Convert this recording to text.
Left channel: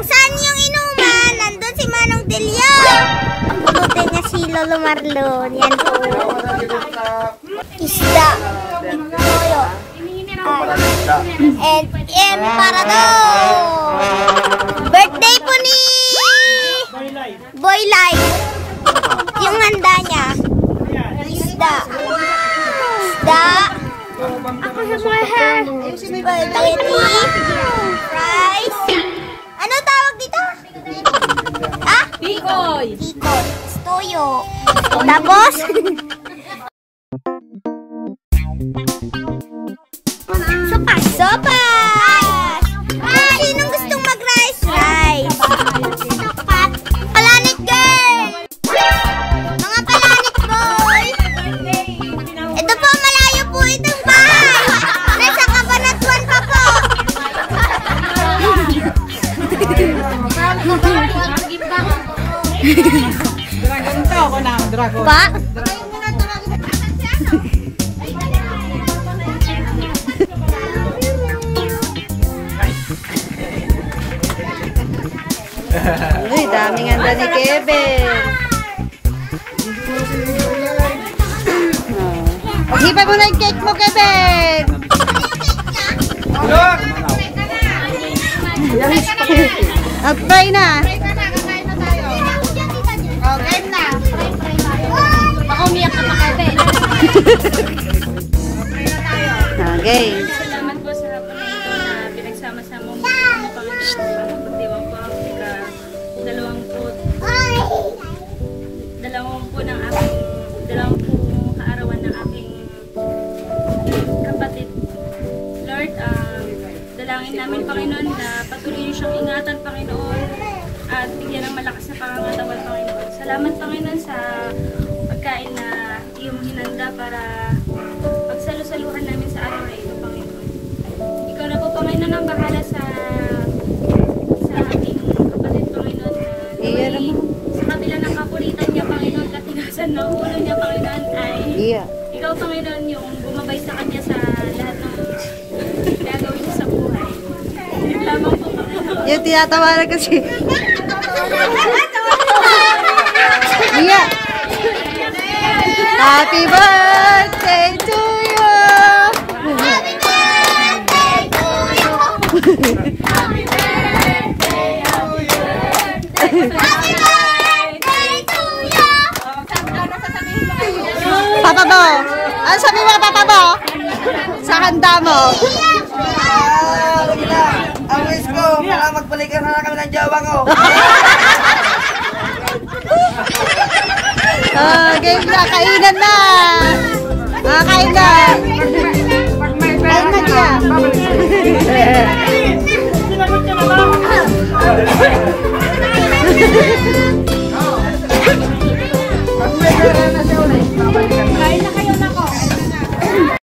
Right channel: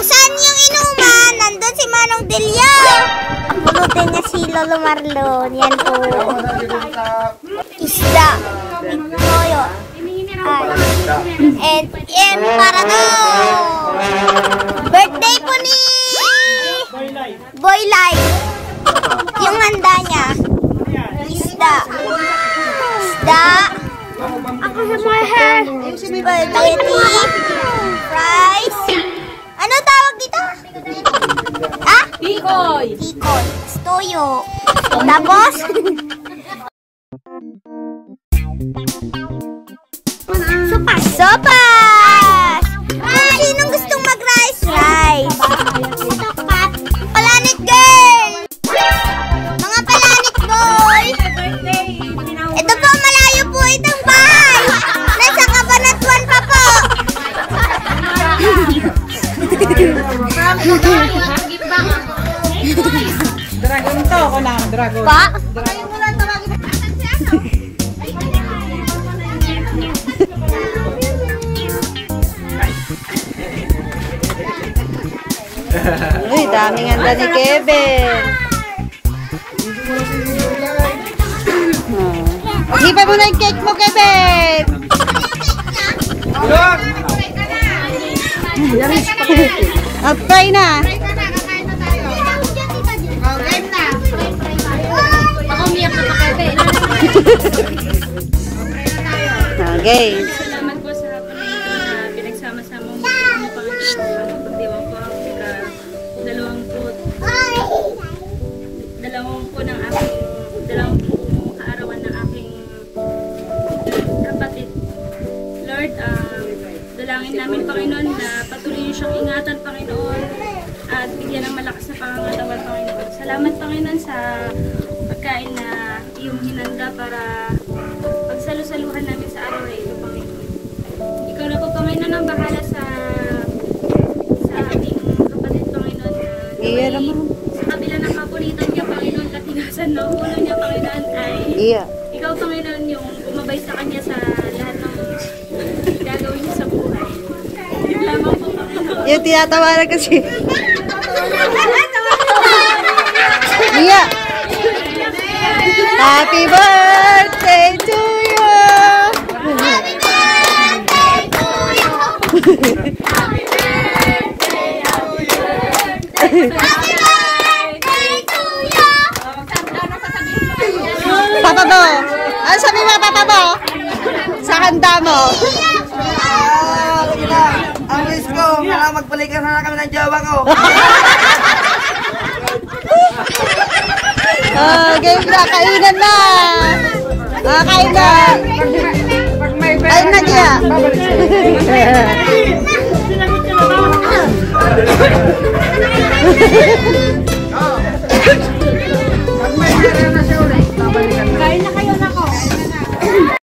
Kung saan yung inuman, nandun si Manong Delio. Pulutin niya si Lolo Marlon. Yan po. Isda. Toyo. And para to. Birthday po ni Boy Light. Yung handa niya. Isda. Ako sa my hair. Spaghetti. Rice. Ano tawag dito? Ah? Pikoy. Toyo. Tapos? Sopas! Sinong gustong mag-rice? Rice. Planet girl! Mga Planet boy! Ito po, malayo po itong bahay! Nasa Cabanatuan pa po! Dragon pa? Uy, daming handa ni Kevin. Hipa mo na yung cake mo, Kevin. Try na. Baka umiyak na pa, Kevin. Okay. Salamat po sa Panginoon na pinagsama-sama mo ang Panginoon pagdiwang po ang dalawang kaarawan ng aking kapatid. Lord, dalangin namin Panginoon na patuloy yung siyang ingatan, Panginoon, at bigyan ng malakas na pangangatawan, Panginoon. Salamat, Panginoon, sa pagkain na iyong hinanda para pagsalusaluhan namin sa araw na ito, Panginoon. Ikaw na po, Panginoon, ang bahala sa ating kapatid, Panginoon, na sa kabila ng paborito niya, Panginoon, katinasan ng ulo niya, Panginoon, ay ikaw, Panginoon, yung bumabay sa kanya sa lahat ng gagawin niya sa buhay. Yun lamang po, Panginoon. Yung tinatawaran kasi. Iya. Happy birthday to you. Happy birthday to you. Happy birthday, happy birthday to you. Papa Bo. Ano sabi mo, Papa Bo? Sa handa mo. Ang wish ko, magpalikan na kami ng jowa ko. Game na, kainan na. Kainan. Ay, nagya.